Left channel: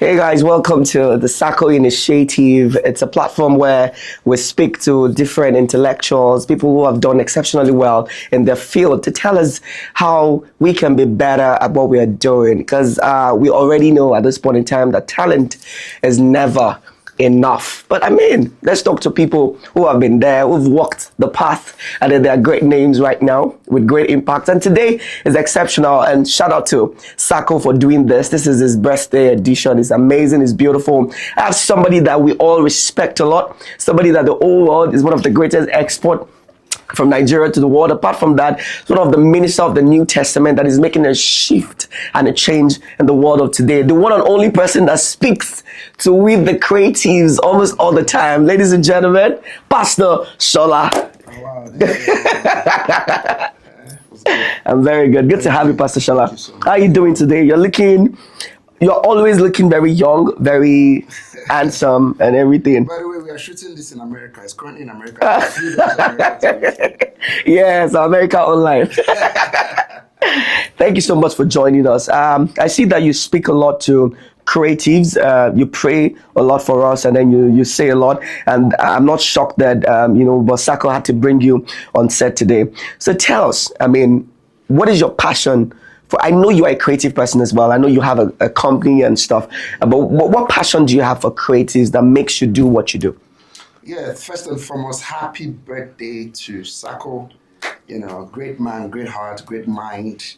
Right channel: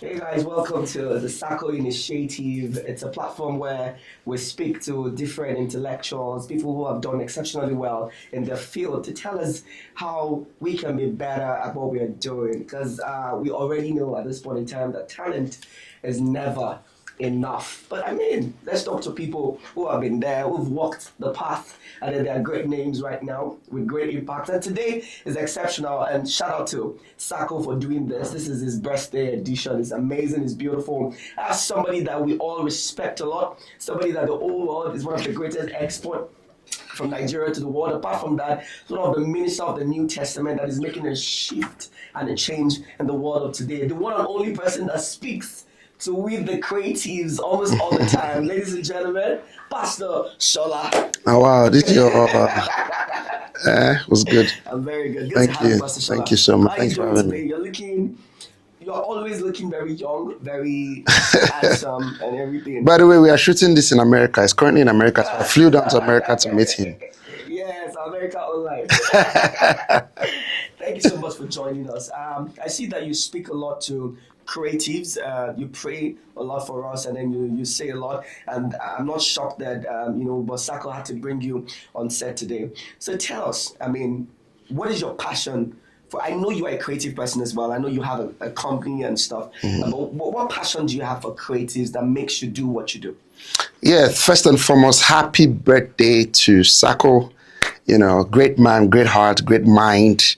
Hey guys, welcome to the Sacco Initiative. It's a platform where we speak to different intellectuals, people who have done exceptionally well in their field to tell us how we can be better at what we are doing. Because we already know at this point in time that talent is never enough. But I mean, let's talk to people who have been there, who've walked the path, and then there are great names right now with great impact. And today is exceptional, and shout out to Sacco for doing this. This is his birthday edition. It's amazing, it's beautiful. I have somebody that we all respect a lot, somebody that the whole world is one of the greatest export from Nigeria to the world. Apart from that, sort of the minister of the New Testament that is making a shift and a change in the world of today. The one and only person that speaks to we the creatives almost all the time. Ladies and gentlemen, Pastor Shola. Oh wow, this is was good. I'm very good. Good to have you, Pastor Shola. Thank you so much. How are you doing today? You're always looking very young, very handsome and everything. By the way, we are shooting this in America. It's currently in America. I flew down to America to meet him. Yes, America Online. Thank you so much for joining us. I see that you speak a lot to creatives. You pray a lot for us, and then you say a lot. And I'm not shocked that Sacco had to bring you on set today. So tell us, what is your passion? I know you are a creative person as well. I know you have a company and stuff. Mm-hmm. But what passion do you have for creatives that makes you do what you do? Yeah, first and foremost, happy birthday to Sacco. Great man, great heart, great mind.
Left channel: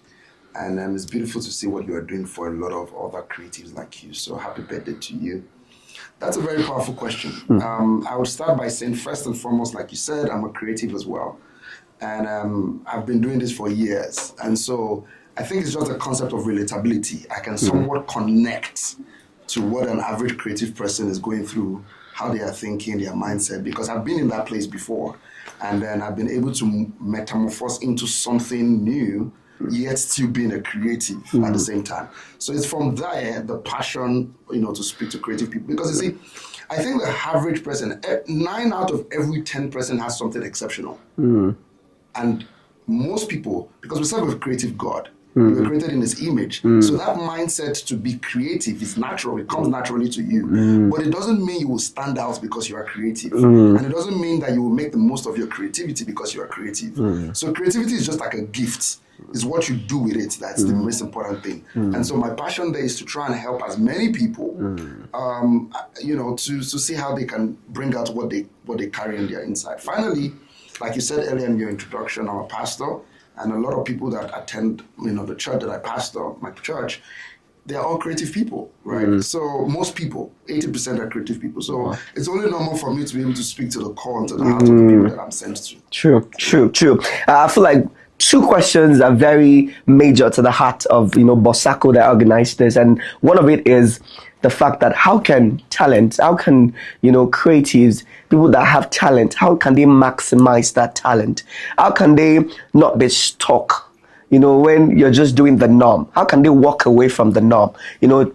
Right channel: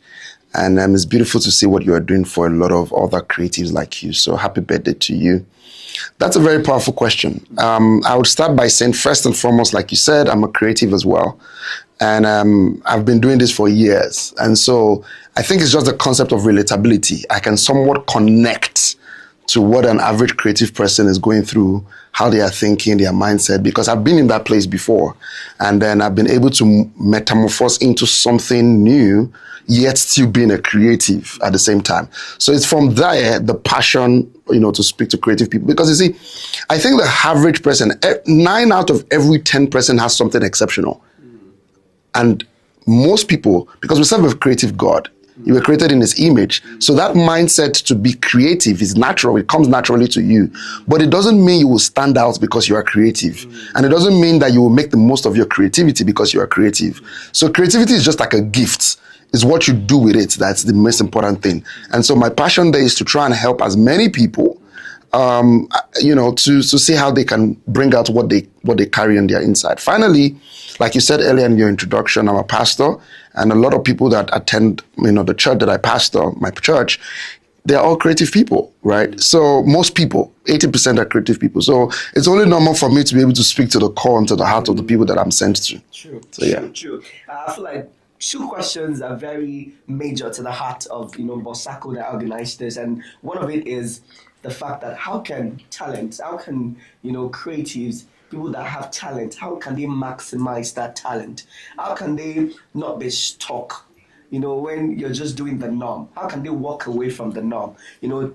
And it's beautiful to see what you are doing for a lot of other creatives like you. So happy birthday to you. That's a very powerful question. Mm-hmm. I would start by saying, first and foremost, like you said, I'm a creative as well. And I've been doing this for years. And so I think it's just the concept of relatability. I can somewhat connect to what an average creative person is going through, how they are thinking, their mindset, because I've been in that place before. And then I've been able to metamorphose into something new, yet still being a creative at the same time. So it's from there, the passion, to speak to creative people. Because you see, I think the average person, 9 out of every 10 person has something exceptional. And most people, because we serve a creative God, you were created in his image. So that mindset to be creative is natural. It comes naturally to you. But it doesn't mean you will stand out because you are creative. And it doesn't mean that you will make the most of your creativity because you are creative. So creativity is just like a gift. It's what you do with it that's the most important thing. And so my passion there is to try and help as many people, to see how they can bring out what they carry on their inside. Finally, like you said earlier in your introduction, I'm a pastor. And a lot of people that attend, the church that I pastor, my church, they're all creative people, right? So most people, 80% are creative people. So it's only normal for me to be able to speak to the core and to the heart of the people that I'm sent to. True. I feel like 2 questions are very major to the heart of, Sacco that organized this. And one of it is the fact that how can creatives, people that have talent, how can they maximize that talent? How can they not be stuck, when you're just doing the norm? How can they walk away from the norm,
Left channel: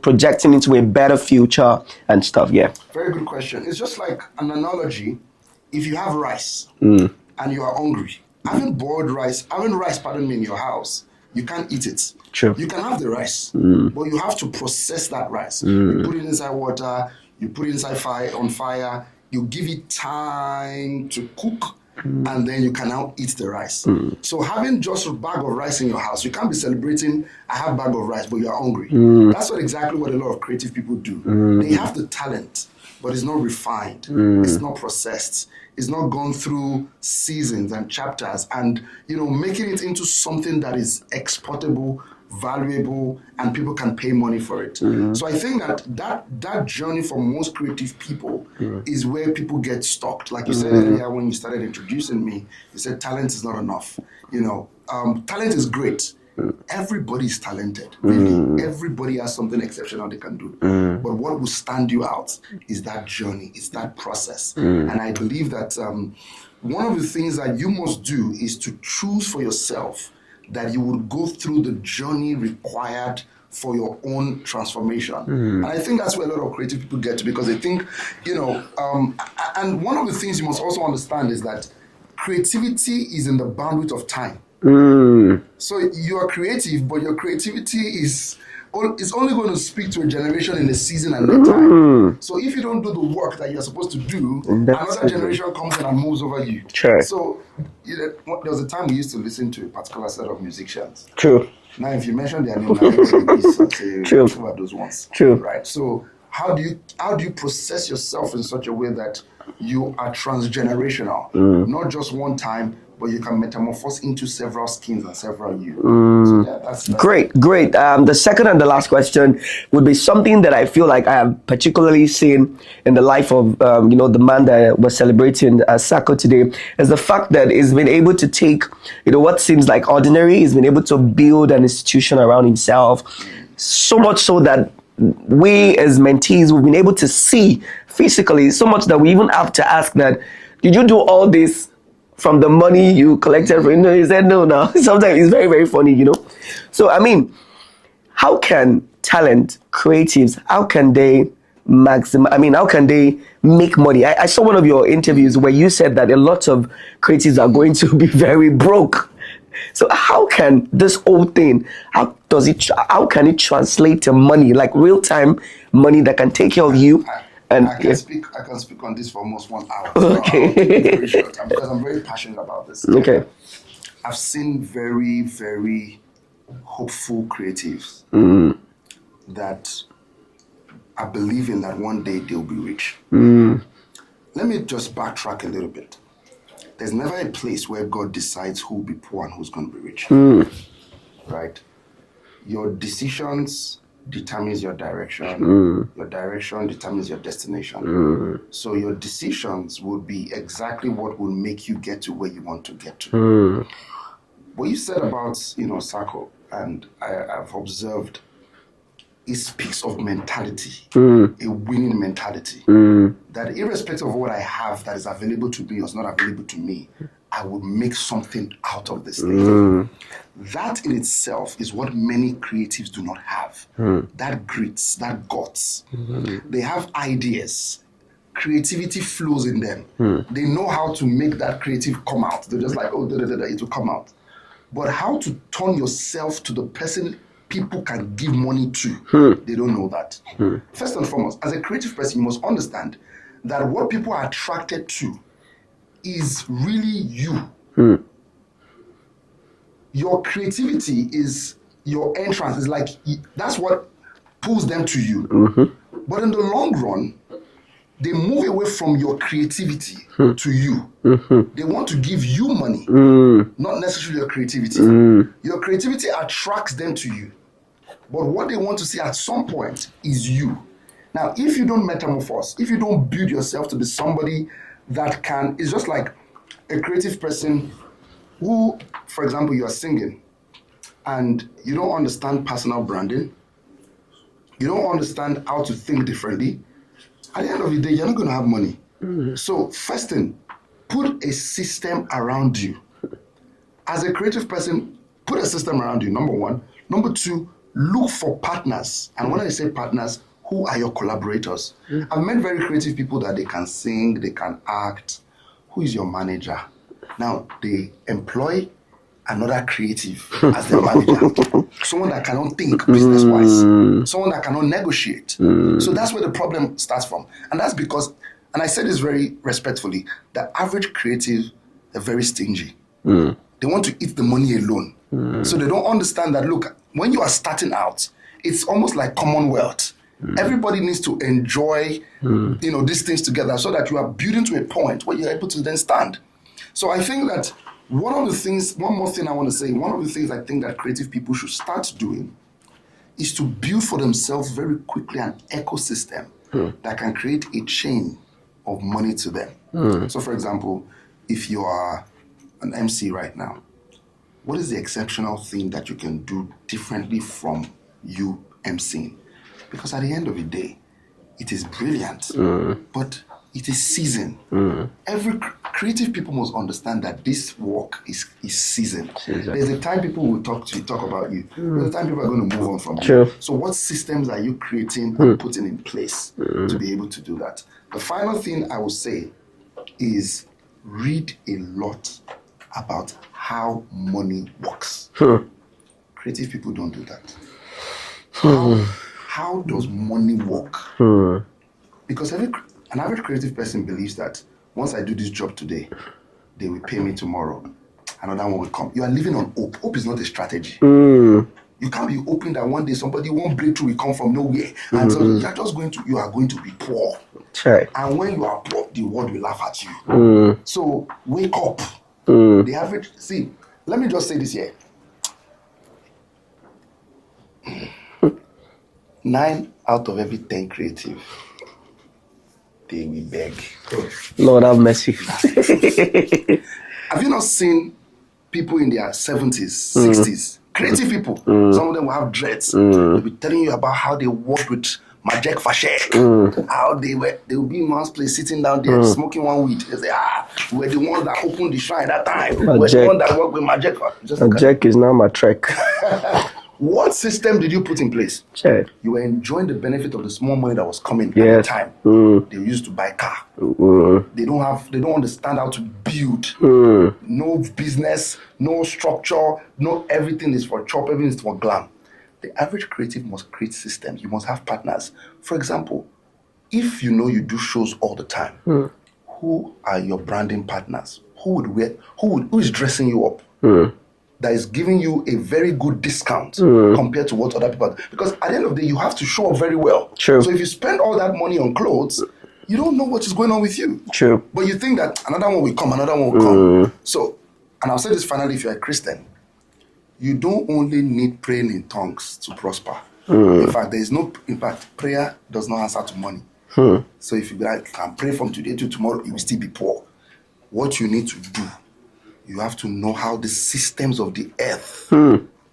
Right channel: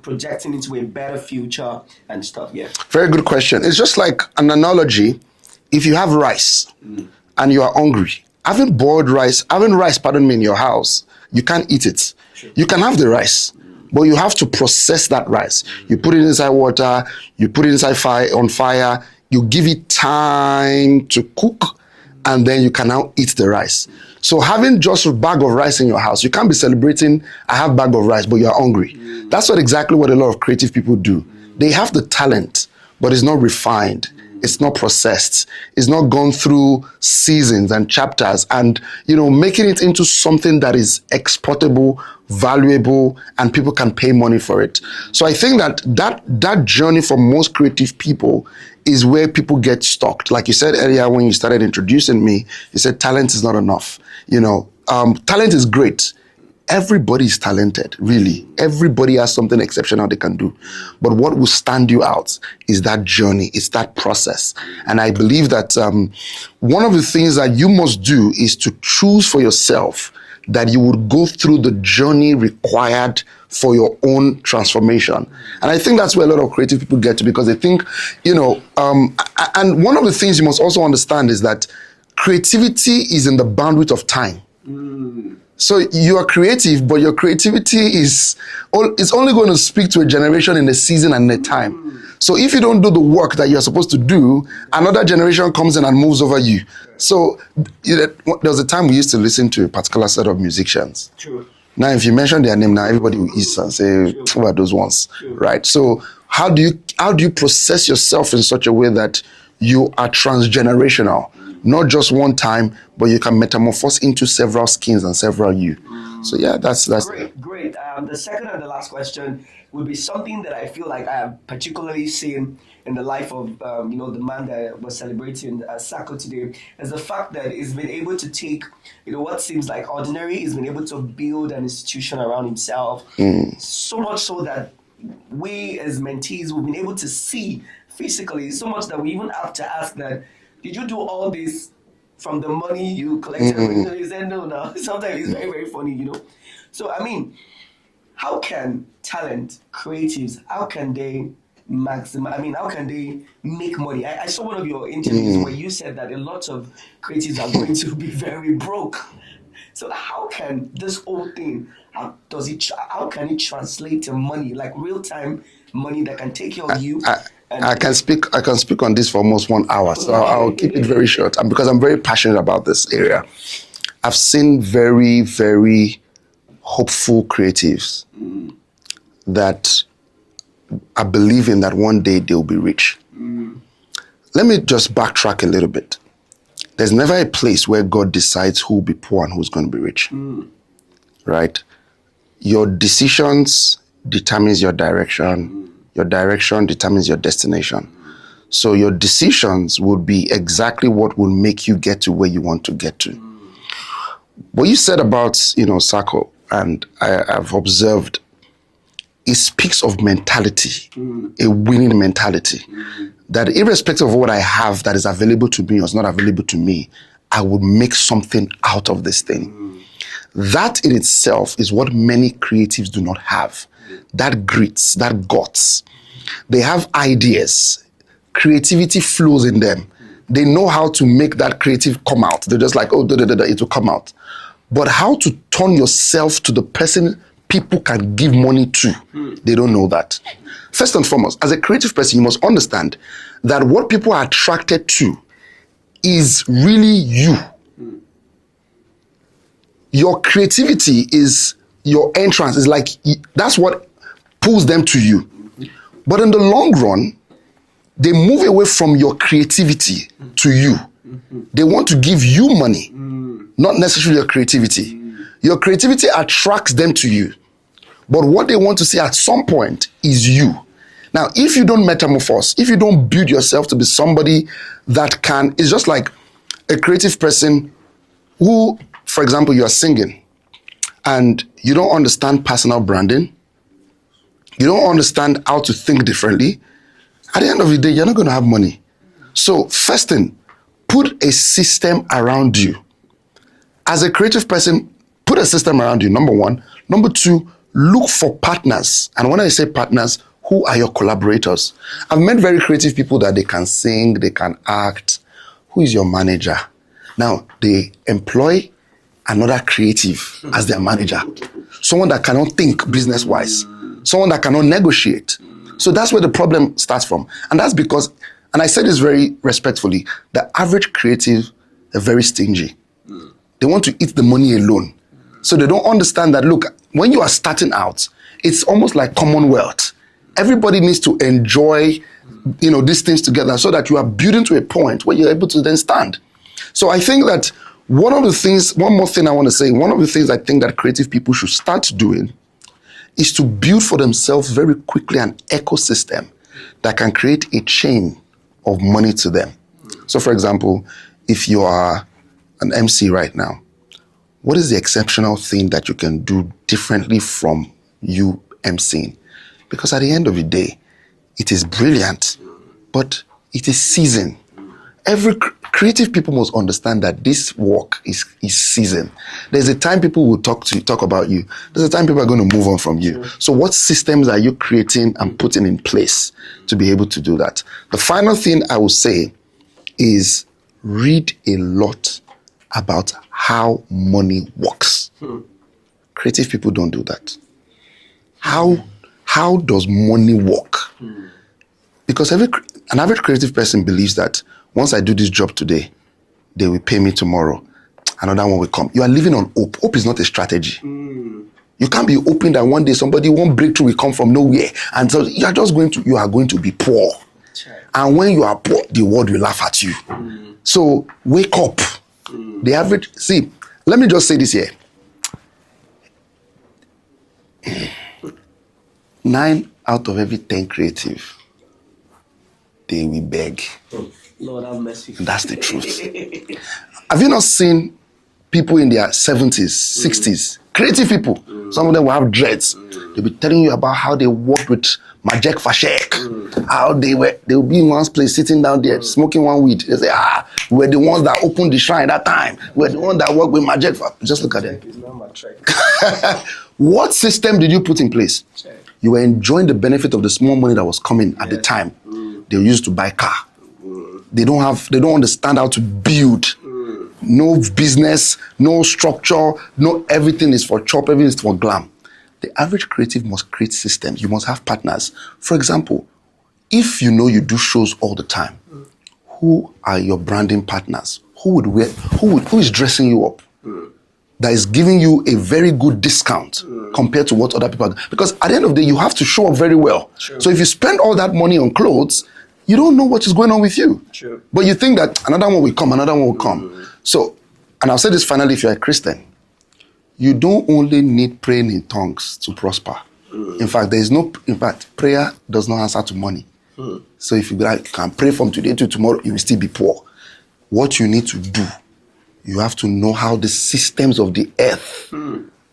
projecting into a better future and stuff? Yeah. Very good question. It's just like an analogy. If you have rice and you are hungry, having rice in your house, you can't eat it. True. You can have the rice, but you have to process that rice. You put it inside water, you put it inside on fire, you give it time to cook, and then you can now eat the rice. So having just a bag of rice in your house, you can't be celebrating, I have a bag of rice, but you're hungry. That's exactly what a lot of creative people do. They have the talent, but it's not refined. It's not processed. It's not gone through seasons and chapters and, making it into something that is exportable, valuable, and people can pay money for it. So I think that journey for most creative people is where people get stuck. Like you said earlier when you started introducing me, you said talent is not enough. Talent is great. Everybody is talented, really. Everybody has something exceptional they can do. But what will stand you out is that journey, it's that process. And I believe that one of the things that you must do is to choose for yourself that you would go through the journey required for your own transformation. And I think that's where a lot of creative people get to, because they think, and one of the things you must also understand is that creativity is in the bandwidth of time. So you are creative, but your creativity is it's only going to speak to a generation in a season and a time. So if you don't do the work that you're supposed to do, another generation comes in and moves over you. Sure. So there was a time we used to listen to a particular set of musicians. True. Now, if you mention their name, now everybody is and say, True. who are those ones? True. Right. So how do you process yourself in such a way that you are transgenerational, not just one time, but you can metamorphose into several skins and several you. So yeah, that's Great. The second and the last question would be something that I feel like I have particularly seen in the life of the man that we're celebrating, Sako, today, is the fact that he's been able to take what seems like ordinary. He's been able to build an institution around himself, so much so that we as mentees, we've been able to see physically, so much that we even have to ask that, did you do all this from the money you collected? He said no. Now sometimes it's very, very funny, So I mean, how can talent, creatives, how can they how can they make money? I saw one of your interviews where you said that a lot of creatives are going to be very broke. So how can this whole thing, how can it translate to money, like real-time money that can take care of you? I can speak on this for almost 1 hour, so I'll keep it very short. And because I'm very passionate about this area. Okay. I've seen very, very hopeful creatives that are believing that one day they'll be rich. Let me just backtrack a little bit. There's never a place where God decides who will be poor and who's going to be rich. Right? Your decisions determines your direction. Your direction determines your destination. So your decisions will be exactly what will make you get to where you want to get to. What you said about, Sako, and I've observed, it speaks of mentality, a winning mentality. That irrespective of what I have that is available to me or is not available to me, I would make something out of this thing. That in itself is what many creatives do not have. That grit, that guts. They have ideas. Creativity flows in them. They know how to make that creative come out. They're just like, it will come out. But how to turn yourself to the person people can give money to, they don't know that. First and foremost, as a creative person, you must understand that what people are attracted to is really you. Your creativity is your entrance. Is like, that's what pulls them to you. But in the long run, they move away from your creativity to you. They want to give you money, not necessarily your creativity. Your creativity attracts them to you. But what they want to see at some point is you. Now, if you don't metamorphose, if you don't build yourself to be somebody that it's just like a creative person who, for example, you are singing and you don't understand personal branding, you don't understand how to think differently, at the end of the day, you're not going to have money. So first thing, put a system around you. As a creative person, put a system around you, number one. Number two, look for partners. And when I say partners, who are your collaborators? I've met very creative people that they can sing, they can act. Who is your manager? Now, they employ another creative as their manager. Someone that cannot think business-wise. Someone that cannot negotiate. So that's where the problem starts from. And that's because, and I say this very respectfully, the average creative are very stingy. They want to eat the money alone. So they don't understand that, look, when you are starting out, it's almost like Commonwealth. Everybody needs to enjoy, these things together so that you are building to a point where you're able to then stand. So I think that one more thing I want to say, one of the things I think that creative people should start doing is to build for themselves very quickly an ecosystem that can create a chain of money to them. So for example, if you are an MC right now, what is the exceptional thing that you can do differently from you MCing? Because at the end of the day, it is brilliant, but it is seasoned. Every creative people must understand that this work is seasoned. There's a time people will talk about you. There's a time people are going to move on from you. So what systems are you creating and putting in place to be able to do that? The final thing I will say is read a lot about how money works. Creative people don't do that. How does money work? Because an average creative person believes that once I do this job today, they will pay me tomorrow. Another one will come. You are living on hope. Hope is not a strategy. You can't be hoping that one day one breakthrough will come from nowhere. And so you are going to be poor. Right. And when you are poor, the world will laugh at you. So wake up. The average, let me just say this here. 9 out of every 10 creative, they will beg. Lord have mercy. That's the truth. Have you not seen people in their 70s, 60s? Creative people. Some of them will have dreads. They'll be telling you about how they worked with Majek Fashek. How they'll be in one place sitting down there smoking one weed. They say, we're the ones that opened the shrine that time. We're the ones that worked with Majek. Just look at Majek is now my trek. What system did you put in place? Sure. You were enjoying the benefit of the small money that was coming at the time. They used to buy car. They don't understand how to build. No business, no structure, no everything is for chop, everything is for glam. The average creative must create systems. You must have partners. For example, if you know you do shows all the time, who are your branding partners? Who is dressing you up? That is giving you a very good discount compared to what other people are. Because at the end of the day, you have to show up very well. True. So if you spend all that money on clothes, you don't know what is going on with you. True. But you think that another one will come. So, and I'll say this finally, if you're a Christian, you don't only need praying in tongues to prosper. In fact, prayer does not answer to money. So if you can pray from today to tomorrow, you will still be poor. What you need to do, you have to know how the systems of the earth,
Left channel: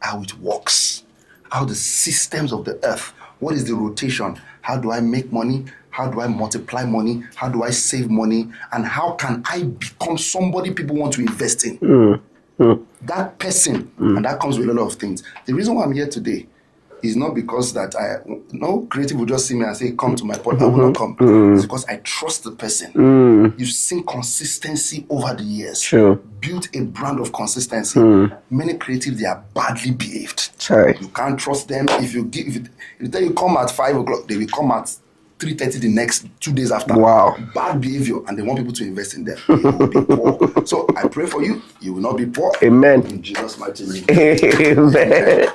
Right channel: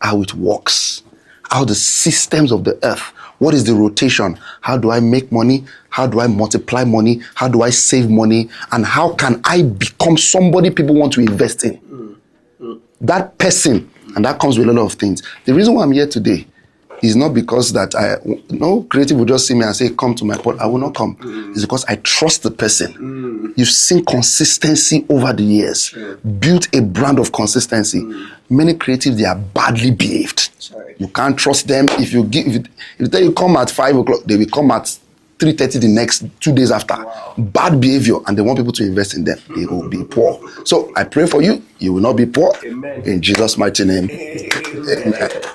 how it works, how the systems of the earth, what is the rotation? How do I make money? How do I multiply money? How do I save money? And how can I become somebody people want to invest in? That person, and that comes with a lot of things. The reason why I'm here today is not because that no creative will just see me and say, come to my podcast. I will not come. It's because I trust the person. You've seen consistency over the years. Sure. Built a brand of consistency. Many creatives, they are badly behaved. Sorry. You can't trust them. If you tell you come at 5 o'clock, they will come at 3:30 the next 2 days after. Wow. Bad behavior, and they want people to invest in them. You will be poor. So I pray for you. You will not be poor. Amen. In Jesus' mighty name. Amen.